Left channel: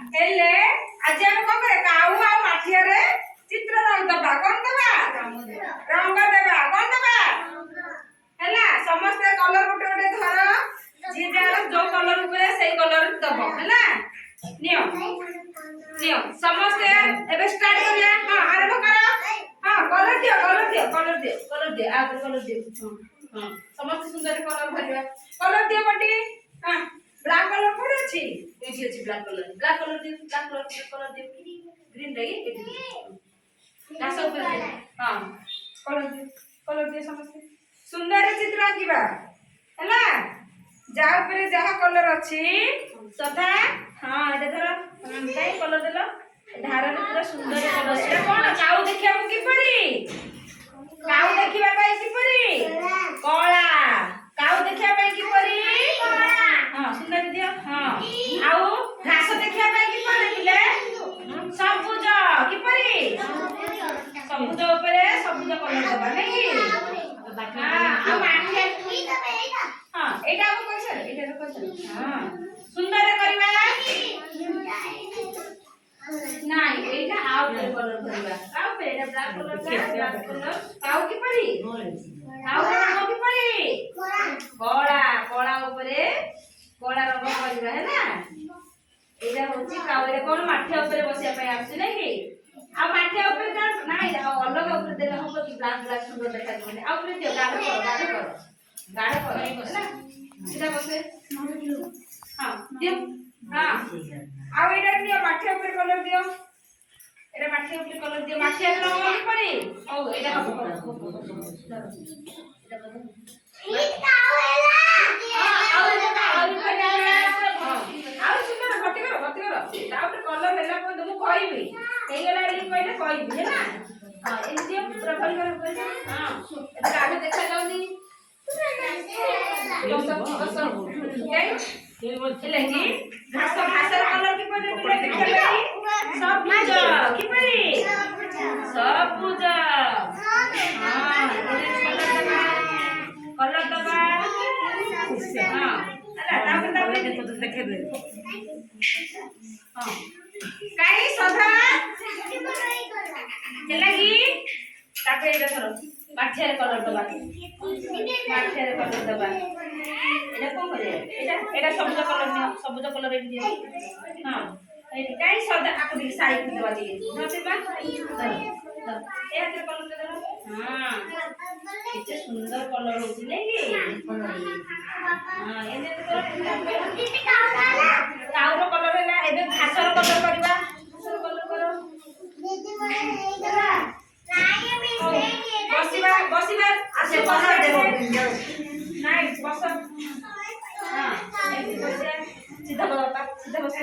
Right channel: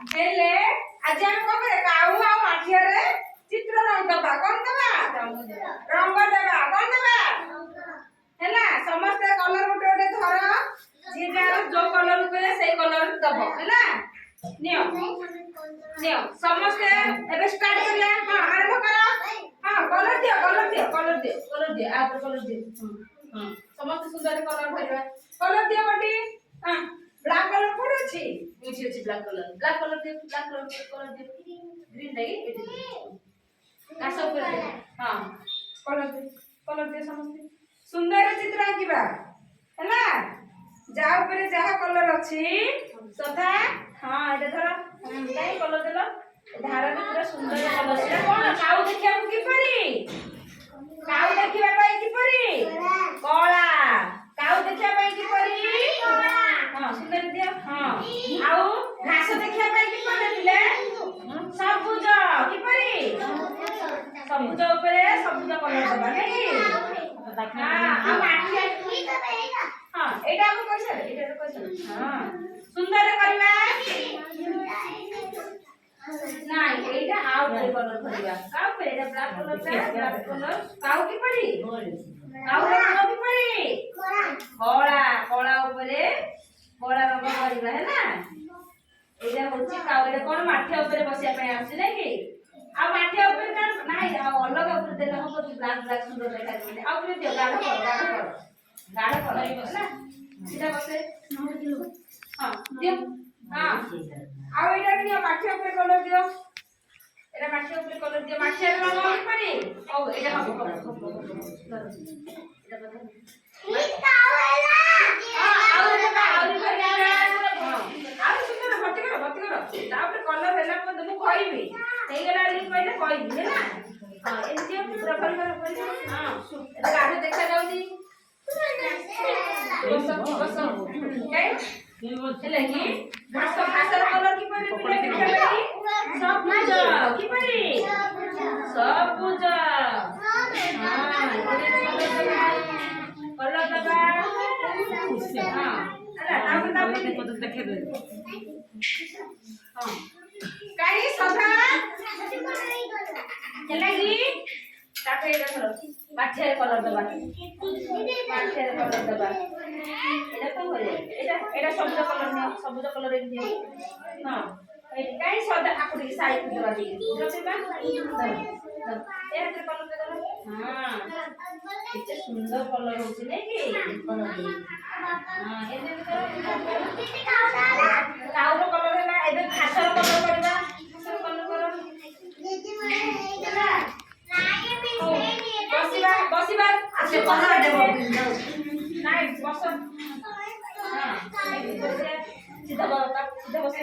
हेले आज हम को करे काऊ आ माठियारे चित्र रंग दबा कोन दबा रंग देबा कोन दबा हैला समस्त कलर गोटे गोटे धर जे जो कलर ऊपर सेई कलर दबो हैला नियो नियो समस्त एबे स्टार्ट करिया हां आरंभ करो हां कलर दियो कलर दियो कलर दियो कलर दियो आ कलर दियो हां समस्त सुंदर कलर भरिया कलर दियो बटी हां ब्लैक कलर कोड अछि एठी अछि ब्लैक कलर दियो कलर दियो ग्रीन दे एठी कास ऊपर दे हां कलर दियो समस्त सुंदर चित्र आंकिबा हैला जा ऊपर जहा कलर अछि सदा हां एटा धर काई कलर देलो धार रे पूरा सुंदर कलर एटा कोन काऊ देखिया मु की परी काऊ देखिबा पाई की परी कला काऊ देखिया पाई की परी हां सुंदर दियो हां आउ घास देखिया पाई की परी दिले सबुज की परी सबुज ऊपर सबुज कलर दबा नै हां माठी हां एटा हम कइसे हां सुंदर करबा নাই এইটা আউ কলর ভরিবা কাউ পে এটা ব্ল্যাক কলর কাউ কি পরি কাউ রঙ কি পরি কড়া কড়া উপরে কড়া রঙ ভরিবা হেনা এইটা হচ্ছে কাউরে কোন মাঠে উপরে বসিয়া পাই আসছে নাকি আর মাঠে উপরে কোন নাই আর অলগ উপরে দেলা হবো কি ব্ল্যাক ব্ল্যাক সুন্দর দেখাচ্ছে আর উপরে দিও গাঢ় করো না এটা বসে হ্যাঁ দিও हां आ एटा दियो माठी ऊपर कलर दियो एटा माठी ऊपर कलर दियो माठी रंग की परी ओ एटा हम ठीक काओ हैला हां आ एटा आ सुंदर भर्ती करो तापर कलर हैला को दमु कहबी कई गला रे कहले कहबी हैला हां ए दियो पूरा भर कर हां एटा आगे देखा जाउनी बस हेले की घास कलर की परी पिले देखा परी सबुज की परी सबुज हां कलर दबा हां अरे तापर देखे दे हां काई सदा हेले की तापर एटा धरो माठे कलर दबा एटा कोन करे एटा सबुज कलर नियो सबुज कलर एक दियो हां एटी काई सदा आकबी साइड देबा दिए नतेबा ए हाथे कलर दे दो हां किते सुंदर कलर होची नै की हां एने काउरो कलर हैला एबे घासर कलर करबा घासर कलर करो बसिबा आसे बसा देबो নাই বস हां सीधा बस